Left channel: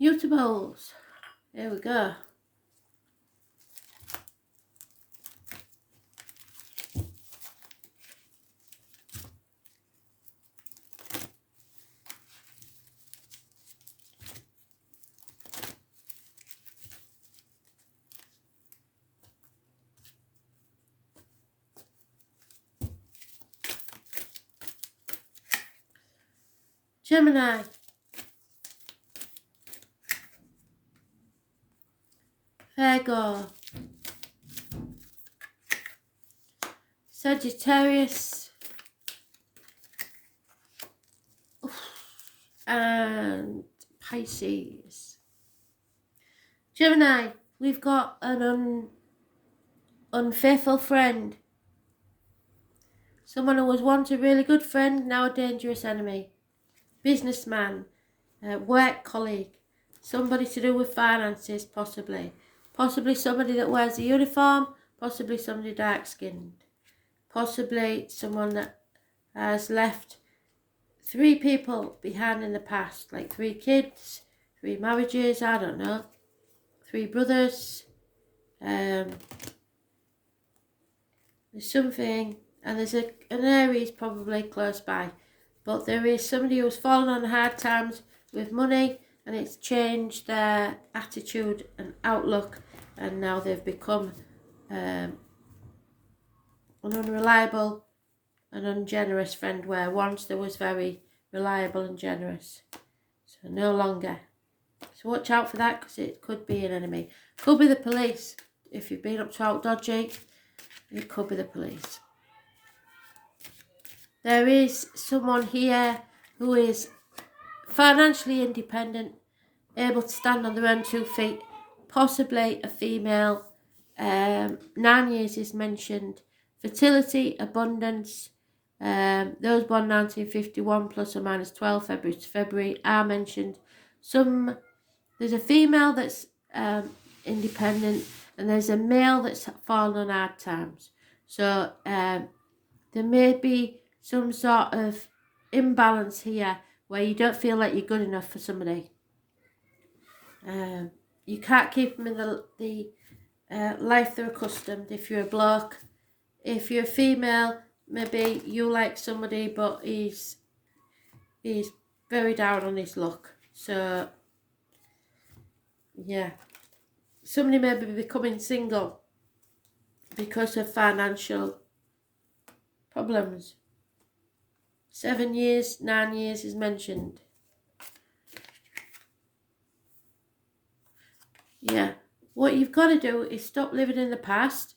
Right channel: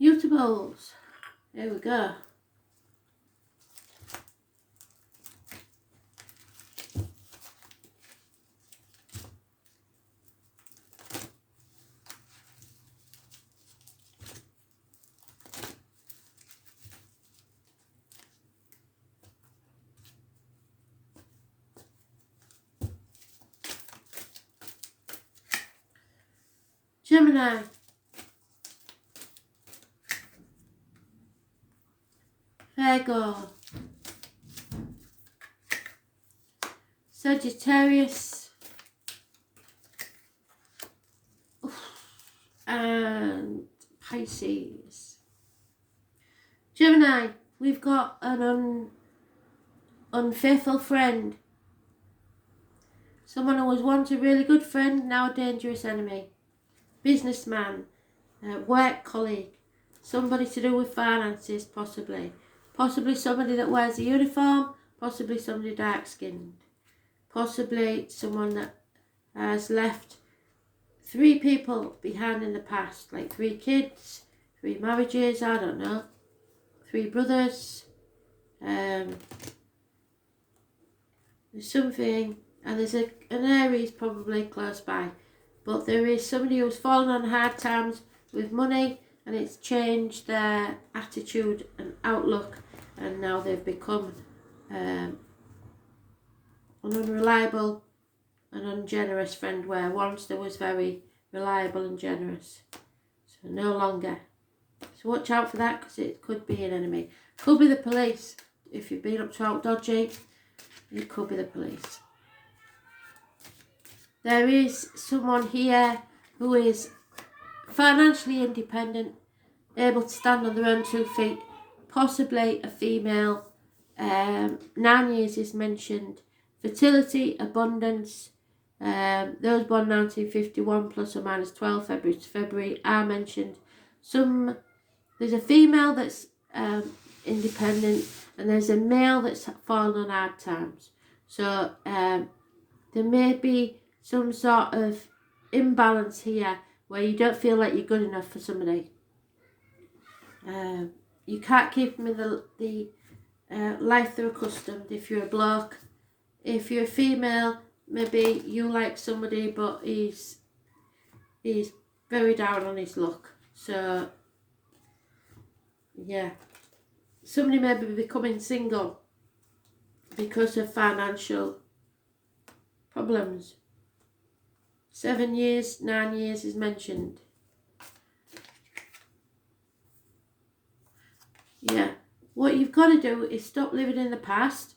Mutables. Here we go. Gemini. Virgo. Sagittarius. And Pisces. Gemini, we've got an unfaithful friend. Someone who was once a really good friend, now a dangerous enemy. Businessman, work colleague, somebody to do with finances, possibly. Possibly somebody that wears a uniform, possibly somebody dark-skinned. Possibly someone that has left 3 people behind in the past, like 3 kids, 3 marriages, I don't know, 3 brothers. There's something, and there's an Aries probably close by. But there is somebody who's fallen on hard times with money, and it's changed their attitude and outlook, and now they've become an unreliable and ungenerous friend, where once there was very reliable and generous. So no longer. So watch out for that, because it could be an enemy. Could be the police. If you've been up to out dodgy, it could be the police. There is someone here who is financially independent, able to stand on their own 2 feet, possibly a female. 9 years is mentioned. Fertility, abundance. Those born 1951 plus or minus 12 February to February are mentioned. There's a female that's independent, and there's a male that's fallen on hard times. So there may be some sort of imbalance here where you don't feel like you're good enough for somebody. You can't keep them in the life they're accustomed if you're a bloke. If you're a female, maybe you like somebody but he's very down on his luck. So yeah, somebody may be becoming single because of financial problems. 7 years, 9 years is mentioned. Yeah. What you've got to do is stop living in the past.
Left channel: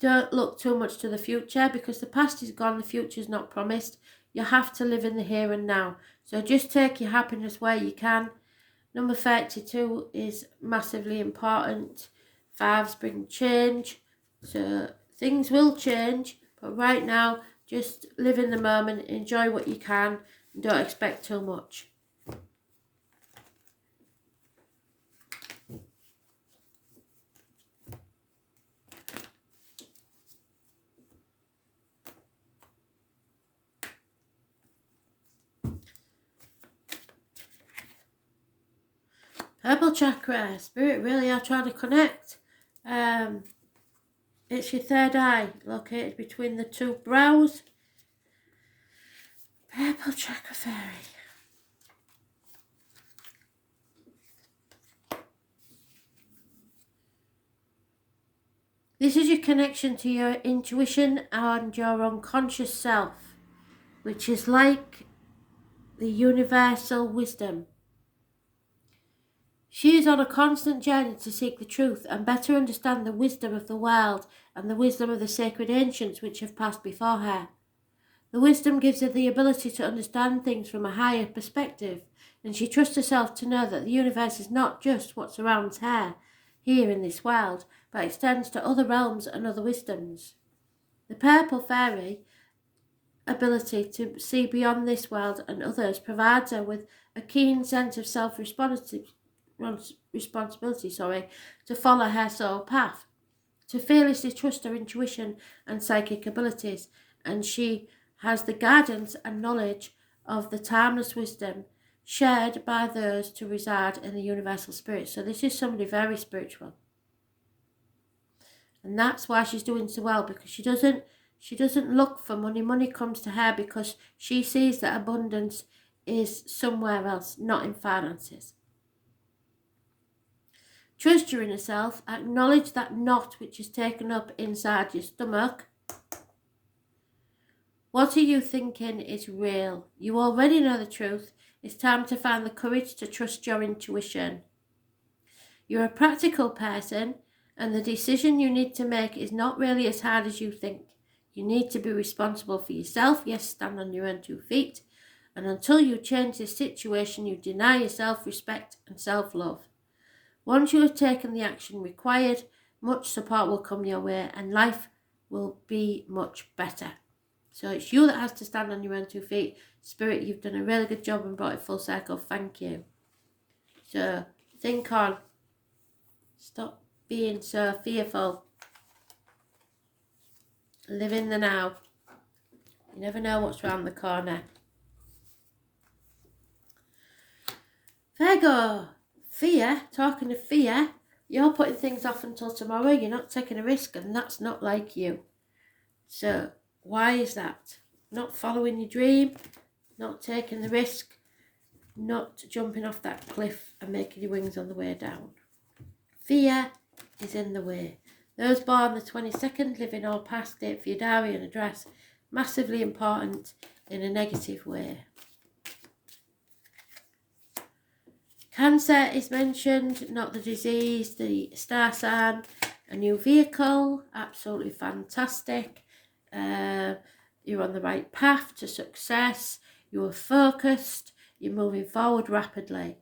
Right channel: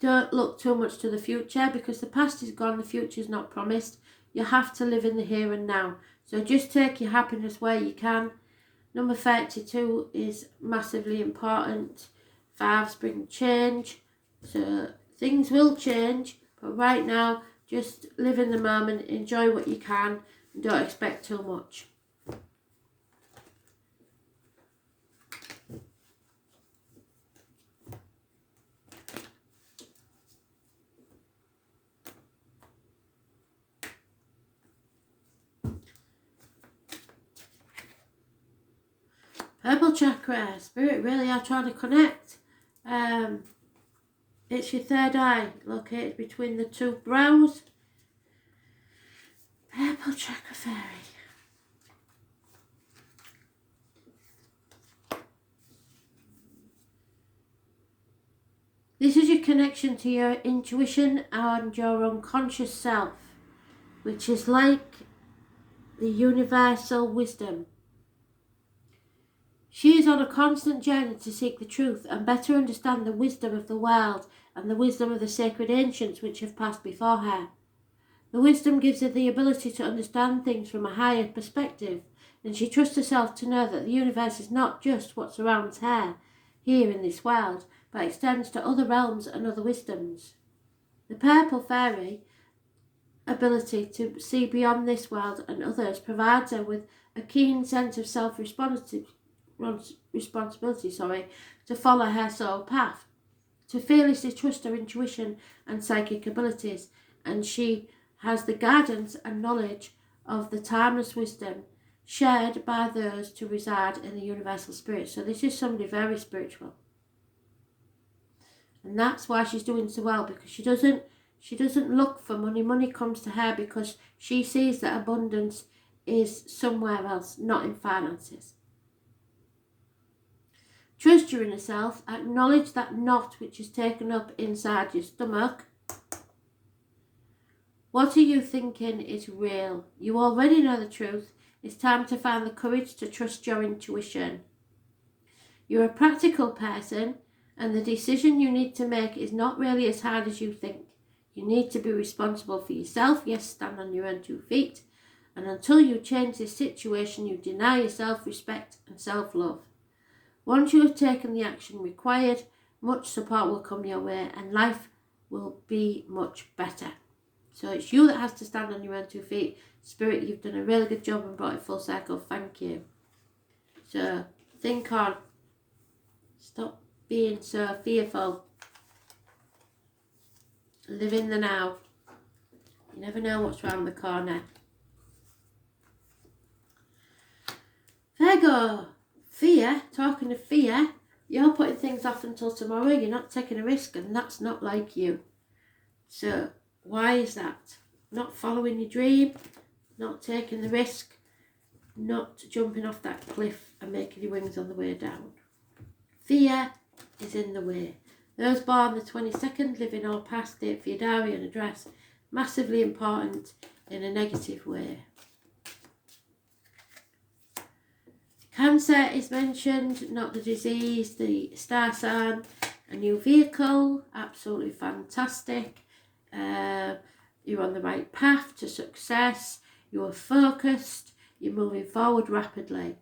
Don't look too much to the future, because the past is gone, the future is not promised. You have to live in the here and now. So just take your happiness where you can. Number 32 is massively important. 5s bring change. So things will change, but right now, just live in the moment, enjoy what you can, and don't expect too much. Purple chakra, spirit really are trying to connect. It's your 3rd eye, located between the 2 brows. Purple chakra fairy. This is your connection to your intuition and your unconscious self, which is like the universal wisdom. She is on a constant journey to seek the truth and better understand the wisdom of the world and the wisdom of the sacred ancients which have passed before her. The wisdom gives her the ability to understand things from a higher perspective, and she trusts herself to know that the universe is not just what surrounds her here in this world, but extends to other realms and other wisdoms. The purple fairy ability to see beyond this world and others provides her with a keen sense of self-responsibility to follow her soul path, to fearlessly trust her intuition and psychic abilities, and she has the guidance and knowledge of the timeless wisdom shared by those to reside in the universal spirit. So this is somebody very spiritual. And that's why she's doing so well, because she doesn't look for money. Money comes to her because she sees that abundance is somewhere else, not in finances. Trust your inner self. Acknowledge that knot which is taken up inside your stomach. What are you thinking is real? You already know the truth. It's time to find the courage to trust your intuition. You're a practical person, and the decision you need to make is not really as hard as you think. You need to be responsible for yourself. Yes, stand on your own 2 feet. And until you change this situation, you deny yourself respect and self-love. Once you have taken the action required, much support will come your way and life will be much better. So it's you that has to stand on your own 2 feet. Spirit, you've done a really good job and brought it full circle. Thank you. So think on. Stop being so fearful. Live in the now. You never know what's around the corner. Virgo, fear, talking of fear, you're putting things off until tomorrow. You're not taking a risk, and that's not like you. So why is that? Not following your dream, not taking the risk, not jumping off that cliff and making your wings on the way down. Fear is in the way. Those born the 22nd, living or past, date for your diary and address, massively important in a negative way. Cancer is mentioned, not the disease, the star sign, a new vehicle, absolutely fantastic. You're on the right path to success, you're focused, you're moving forward rapidly.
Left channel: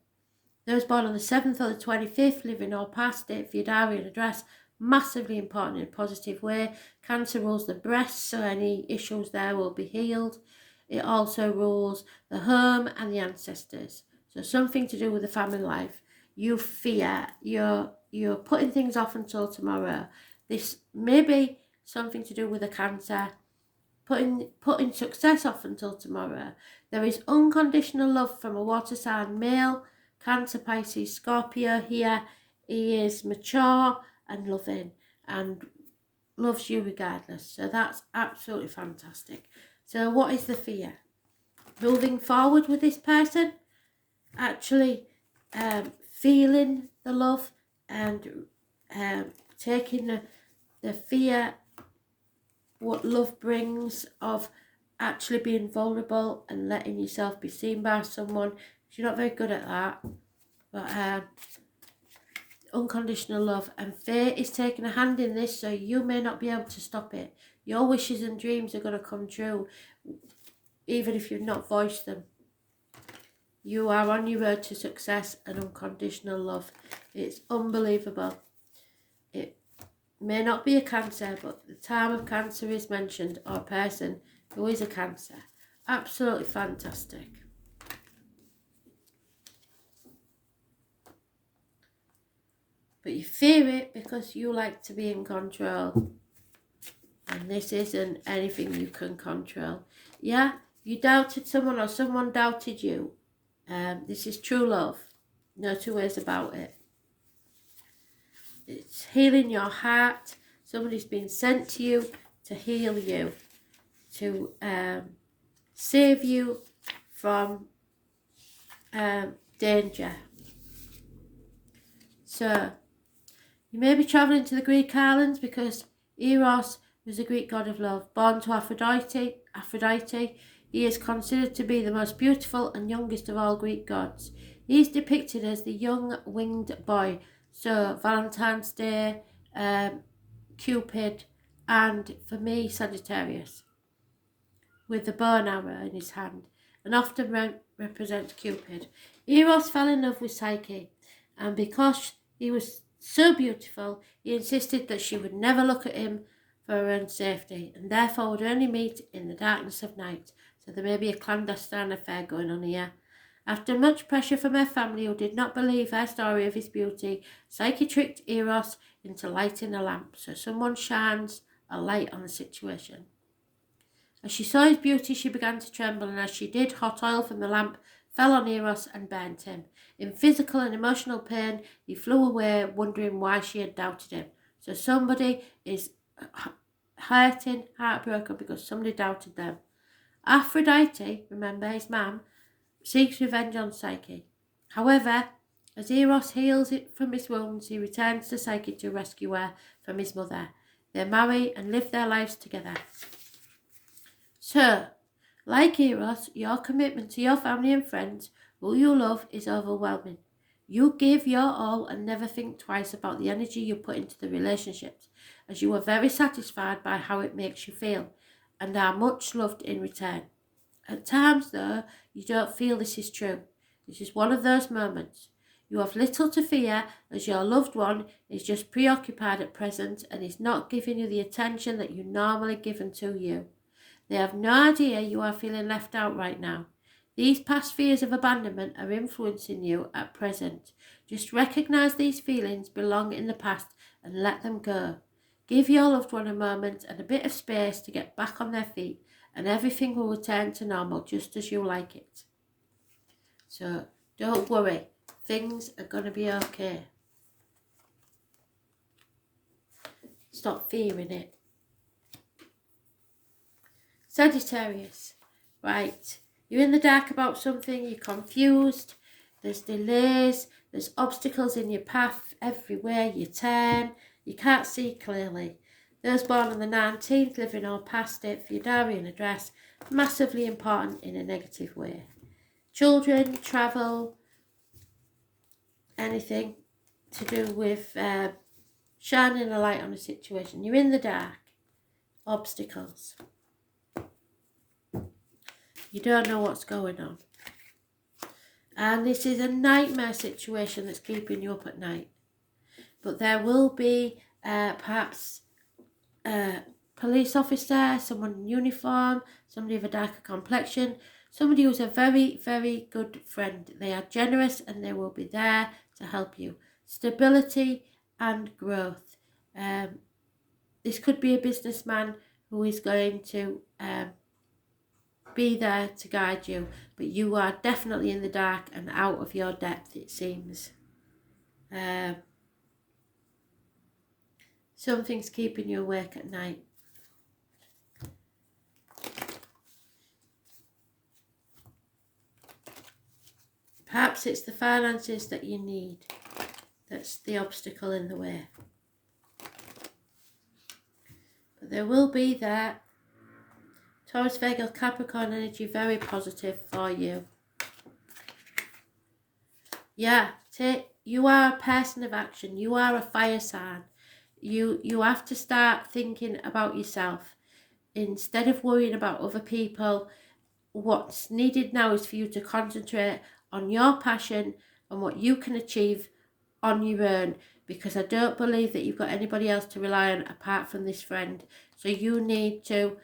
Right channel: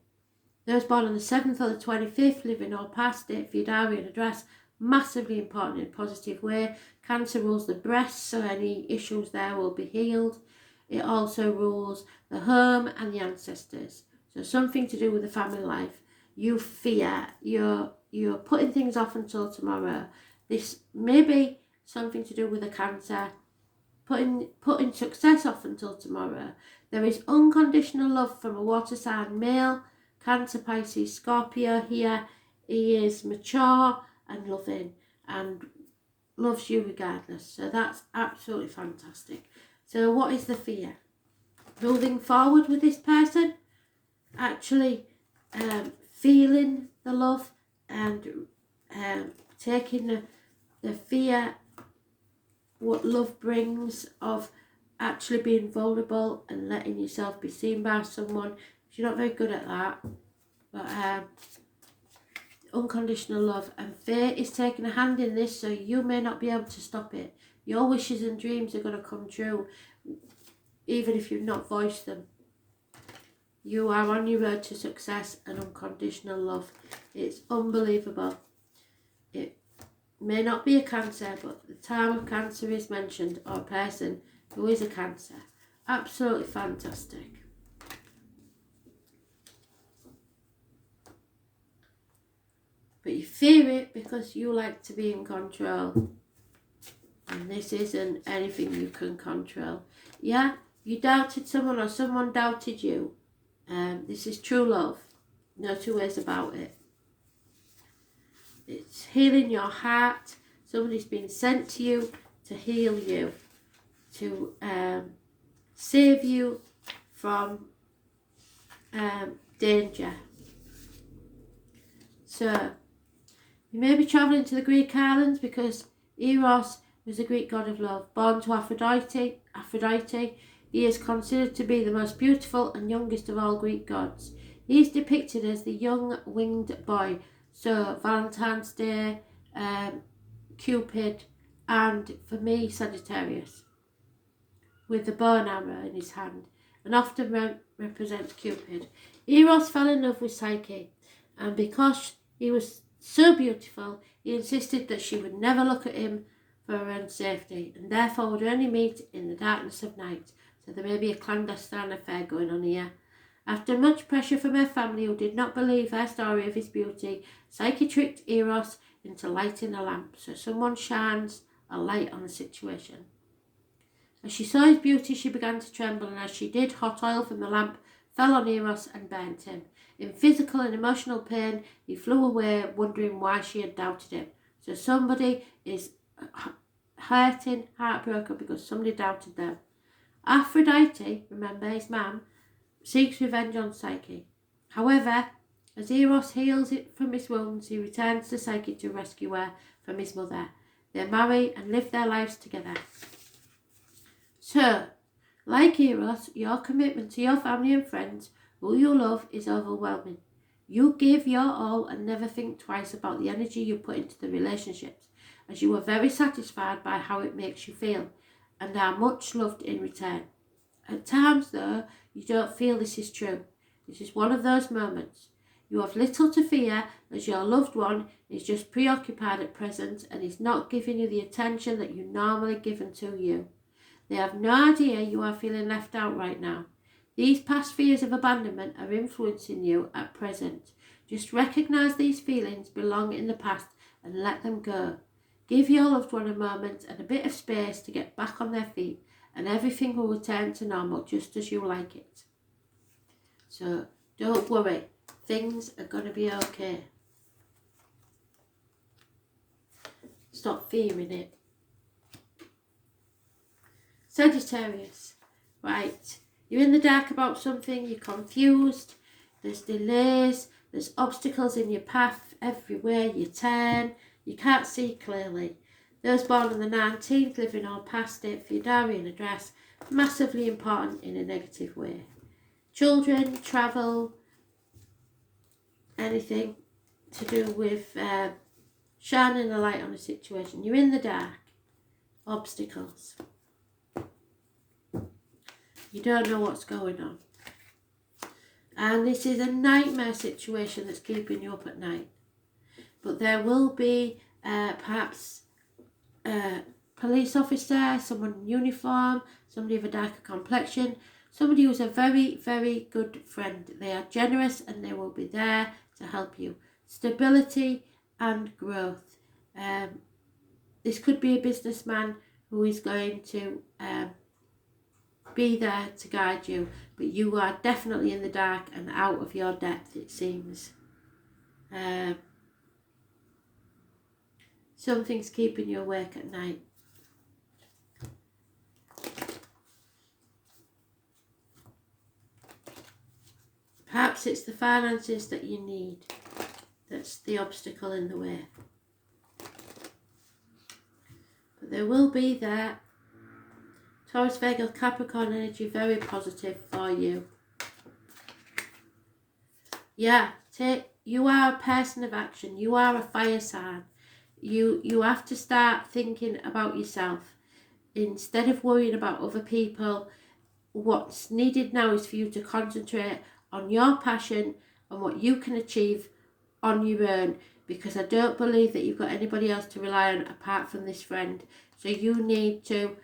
Those born on the 7th or the 25th, living or past, date for your diary and address, massively important in a positive way. Cancer rules the breast, so any issues there will be healed. It also rules the home and the ancestors. So something to do with the family life. You fear, you're putting things off until tomorrow. This may be something to do with the Cancer, putting success off until tomorrow. There is unconditional love from a water sign male, Cancer, Pisces, Scorpio here. He is mature and loving and loves you regardless. So that's absolutely fantastic. So what is the fear? Moving forward with this person, actually feeling the love and taking the fear, what love brings, of actually being vulnerable and letting yourself be seen by someone. You're not very good at that, but unconditional love, and fate is taking a hand in this, so you may not be able to stop it. Your wishes and dreams are going to come true even if you've not voiced them. You are on your road to success and unconditional love. It's unbelievable. It may not be a Cancer, but the time of Cancer is mentioned, or a person who is a Cancer. Absolutely fantastic. But you fear it because you like to be in control. And this isn't anything you can control. Yeah, you doubted someone or someone doubted you. This is true love. No two ways about it. It's healing your heart. Somebody's been sent to you to heal you, to save you from danger. So you may be travelling to the Greek islands because Eros was a Greek god of love. Born to Aphrodite, he is considered to be the most beautiful and youngest of all Greek gods. He is depicted as the young winged boy. So Valentine's Day, Cupid, and for me, Sagittarius, with the bow and arrow in his hand, and often represents Cupid. Eros fell in love with Psyche, and because he was so beautiful, he insisted that she would never look at him for her own safety, and therefore would only meet in the darkness of night. So there may be a clandestine affair going on here. After much pressure from her family, who did not believe her story of his beauty, Psyche tricked Eros into lighting a lamp, so someone shines a light on the situation. As she saw his beauty, she began to tremble, and as she did, hot oil from the lamp fell on Eros and burnt him. In physical and emotional pain, he flew away, wondering why she had doubted him. So somebody is hurting, heartbroken because somebody doubted them. Aphrodite, remember his mum, seeks revenge on Psyche. However, as Eros heals it from his wounds, he returns to Psyche to rescue her from his mother. They marry and live their lives together. So, like Eros, your commitment to your family and friends, who you love, is overwhelming. You give your all and never think twice about the energy you put into the relationships, as you are very satisfied by how it makes you feel, and are much loved in return. At times, though, you don't feel this is true. This is one of those moments. You have little to fear, as your loved one is just preoccupied at present and is not giving you the attention that you normally give to you. They have no idea you are feeling left out right now. These past fears of abandonment are influencing you at present. Just recognise these feelings belong in the past and let them go. Give your loved one a moment and a bit of space to get back on their feet, and everything will return to normal just as you like it. So don't worry, things are going to be okay. Stop fearing it. Sagittarius, right, you're in the dark about something, you're confused, there's delays, there's obstacles in your path everywhere you turn, you can't see clearly. Those born on the 19th, living or past it for your diary and address, massively important in a negative way. Children, travel, anything to do with shining a light on a situation. You're in the dark, obstacles. You don't know what's going on. And this is a nightmare situation that's keeping you up at night. But there will be perhaps a police officer, someone in uniform, somebody of a darker complexion, somebody who's a very, very good friend. They are generous and they will be there to help you. Stability and growth. This could be a businessman who is going to be there to guide you, but you are definitely in the dark and out of your depth, it seems. Something's keeping you awake at night. Perhaps it's the finances that you need that's the obstacle in the way. But they will be there. Taurus, Virgo, Capricorn energy, very positive for you. Yeah, you are a person of action. You are a fire sign. You have to start thinking about yourself. Instead of worrying about other people, what's needed now is for you to concentrate on your passion and what you can achieve on your own, because I don't believe that you've got anybody else to rely on apart from this friend. So you need to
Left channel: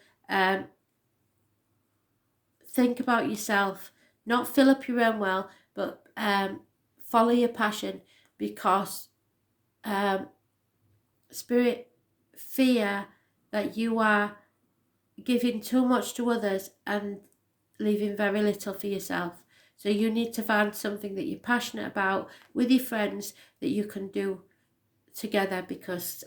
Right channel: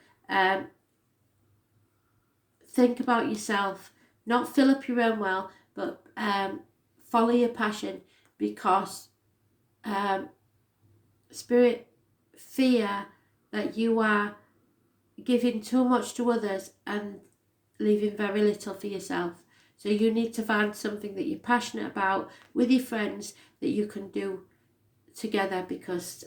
think about yourself, not fill up your own well, but follow your passion, because spirit fear that you are giving too much to others and leaving very little for yourself. So you need to find something that you're passionate about with your friends that you can do together, because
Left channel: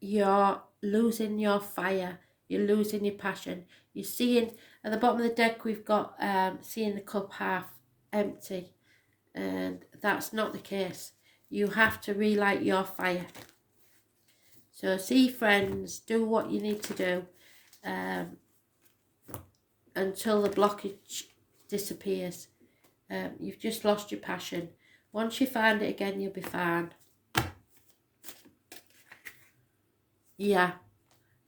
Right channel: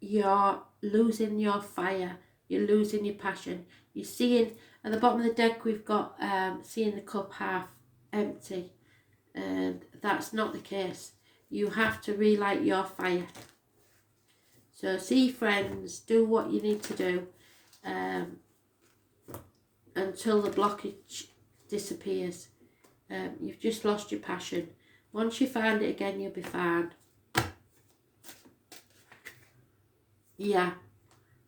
you're losing your fire, you're losing your passion. You're seeing, at the bottom of the deck we've got seeing the cup half empty, and that's not the case. You have to relight your fire. So see friends, do what you need to do until the blockage disappears. You've just lost your passion. Once you find it again, you'll be fine. Yeah.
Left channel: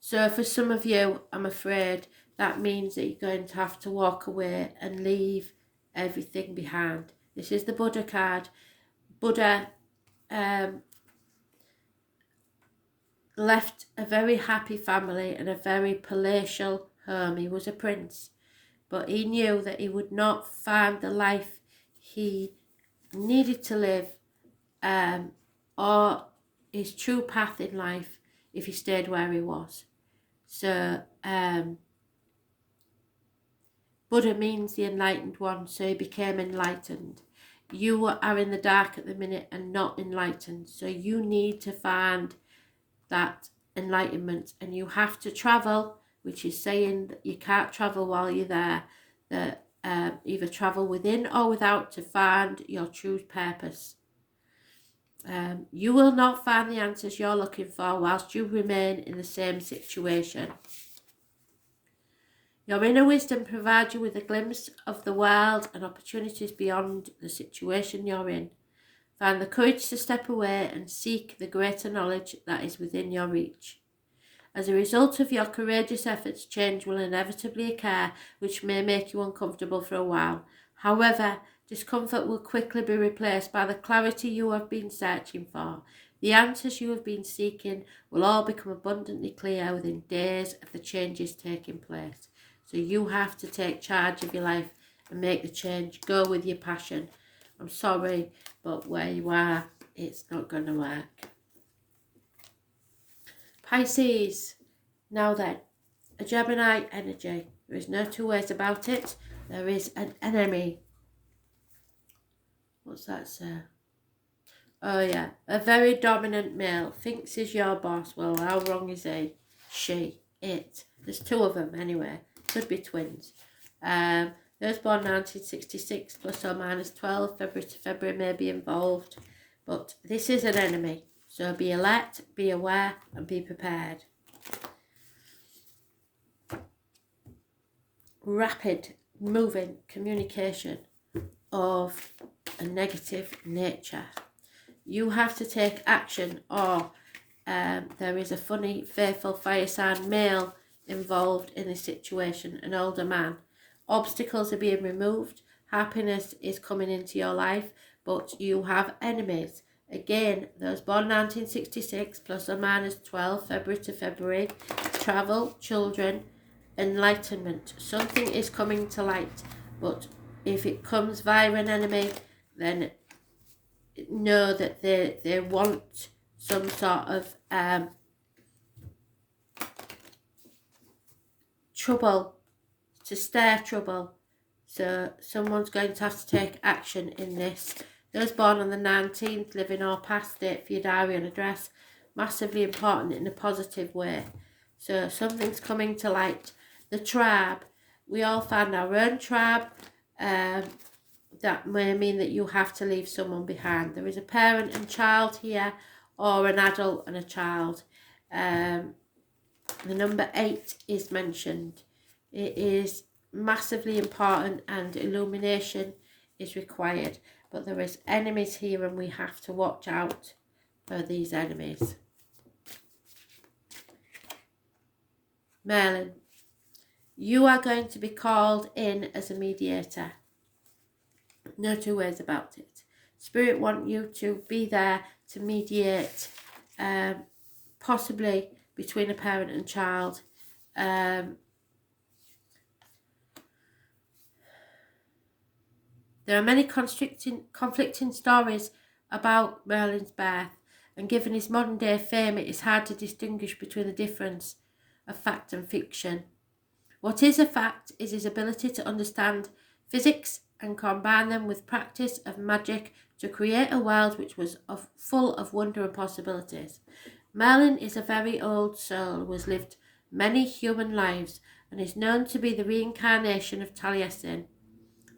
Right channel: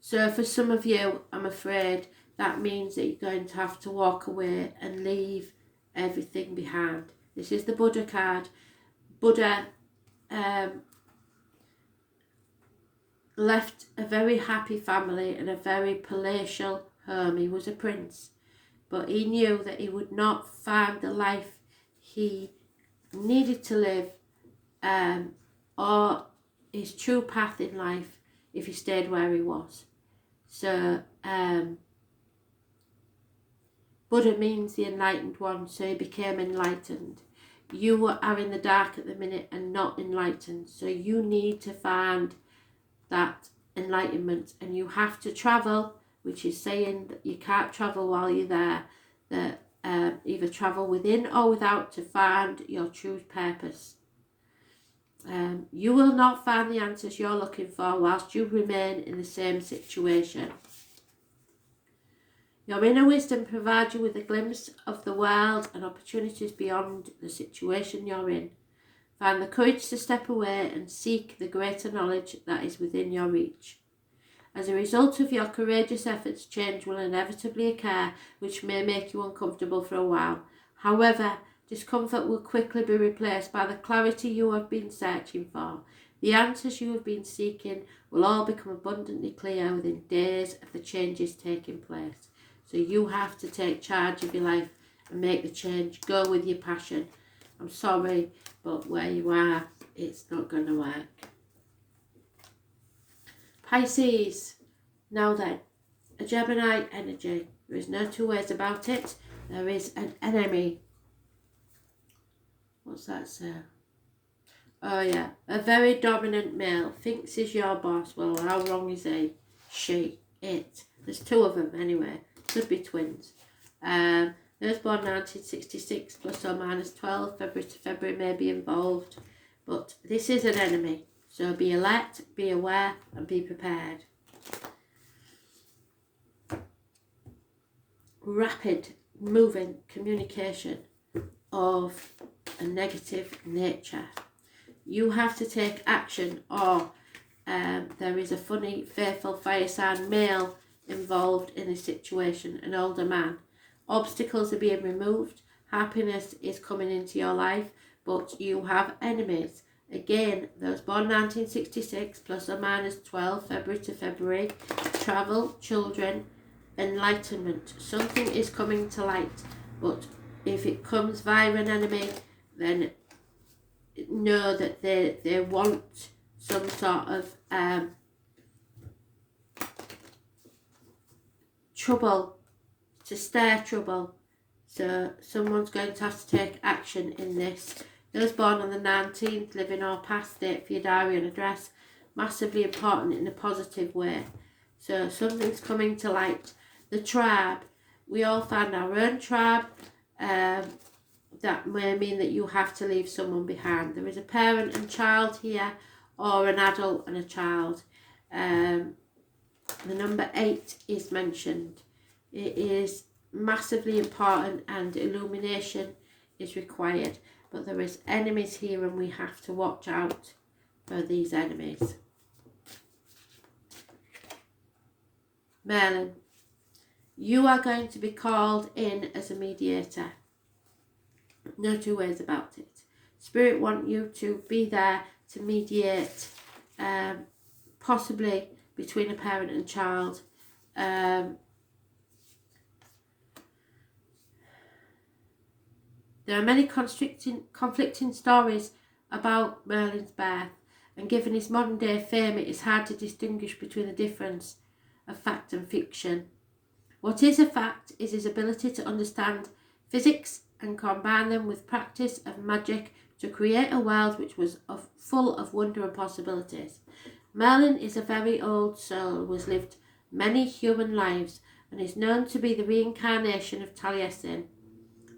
So for some of you, I'm afraid that means that you're going to have to walk away and leave everything behind. This is the Buddha card. Buddha left a very happy family and a very palatial home. He was a prince, but he knew that he would not find the life he needed to live or his true path in life if he stayed where he was. So Buddha means the enlightened one, so he became enlightened. You are in the dark at the minute and not enlightened, so you need to find that enlightenment, and you have to travel, which is saying that you can't travel while you're there, that either travel within or without to find your true purpose. You will not find the answers you're looking for whilst you remain in the same situation. Your inner wisdom provides you with a glimpse of the world and opportunities beyond the situation you're in. Find the courage to step away and seek the greater knowledge that is within your reach. As a result of your courageous efforts, change will inevitably occur, which may make you uncomfortable for a while. However, discomfort will quickly be replaced by the clarity you have been searching for. The answers you have been seeking will all become abundantly clear within days of the changes taking place. So you have to take charge of your life and make the change. Go with your passion. I'm sorry, but where you are, it's not going to work. Pisces. Now then, a Gemini energy. There is no two ways about it. There is an enemy. What's that say? Oh yeah, a very dominant male thinks he's your boss. Well, how wrong is he? She, it. There's two of them anyway. Could be twins. Those born 1966 plus or minus 12 February to February may be involved, but this is an enemy. So be alert, be aware, and be prepared. Rapid moving communication of a negative nature. You have to take action, or there is a funny, faithful fire sign male involved in this situation, an older man. Obstacles are being removed, happiness is coming into your life, but you have enemies. Again, those born 1966 plus or minus 12 February to February, travel, children, enlightenment. Something is coming to light, but if it comes via an enemy, then know that they want some sort of trouble, to stir trouble. So someone's going to have to take action in this. Those born on the 19th, living or past date for your diary and address, massively important in a positive way. So something's coming to light. The tribe. We all find our own tribe. That may mean that you have to leave someone behind. There is a parent and child here, or an adult and a child. The number 8 is mentioned. It is massively important and illumination is required. But there is enemies here and we have to watch out for these enemies. Merlin, you are going to be called in as a mediator. No two ways about it. Spirit want you to be there to mediate, possibly between a parent and child. There are many conflicting stories about Merlin's birth, and given his modern day fame, it is hard to distinguish between the difference of fact and fiction. What is a fact is his ability to understand physics and combine them with practice of magic to create a world which was full of wonder and possibilities. Merlin is a very old soul who has lived many human lives and is known to be the reincarnation of Taliesin,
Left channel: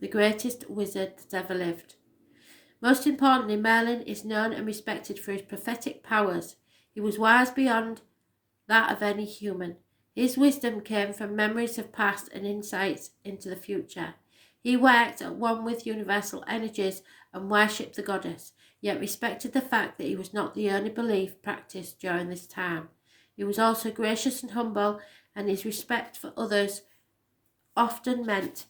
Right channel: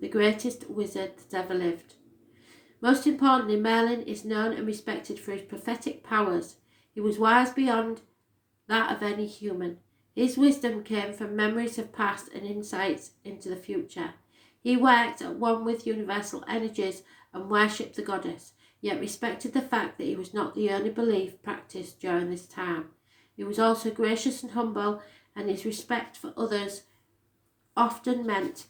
the greatest wizard that ever lived. Most importantly, Merlin is known and respected for his prophetic powers. He was wise beyond that of any human. His wisdom came from memories of past and insights into the future. He worked at one with universal energies and worshipped the goddess, yet respected the fact that he was not the only belief practiced during this time. He was also gracious and humble, and his respect for others often meant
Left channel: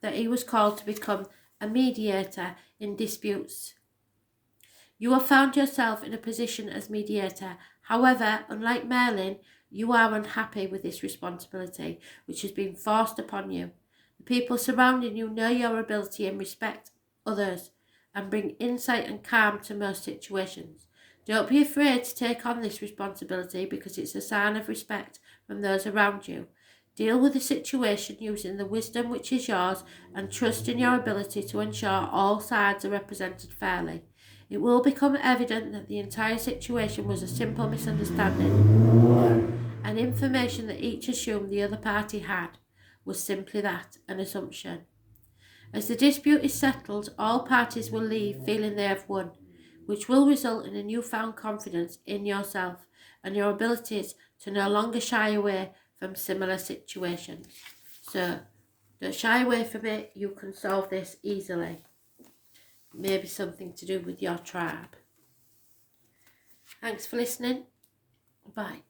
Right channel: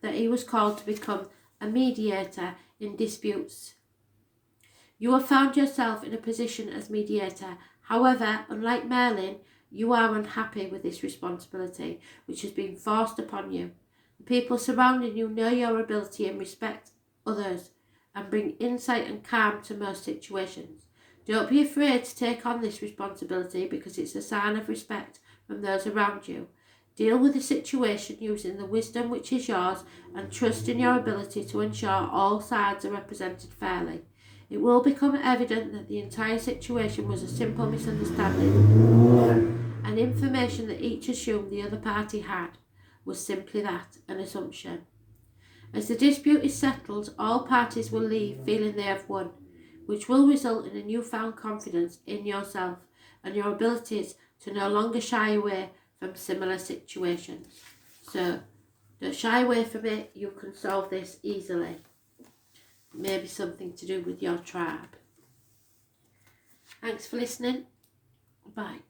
that he was called to become a mediator in disputes. You have found yourself in a position as mediator. However, unlike Merlin, you are unhappy with this responsibility, which has been forced upon you. The people surrounding you know your ability and respect others, and bring insight and calm to most situations. Don't be afraid to take on this responsibility because it's a sign of respect from those around you. Deal with the situation using the wisdom which is yours and trust in your ability to ensure all sides are represented fairly. It will become evident that the entire situation was a simple misunderstanding, and information that each assumed the other party had was simply that, an assumption. As the dispute is settled, all parties will leave feeling they have won, which will result in a newfound confidence in yourself and your abilities to no longer shy away from similar situations. So, don't shy away from it, you can solve this easily. Maybe something to do with your tribe. Thanks for listening. Bye.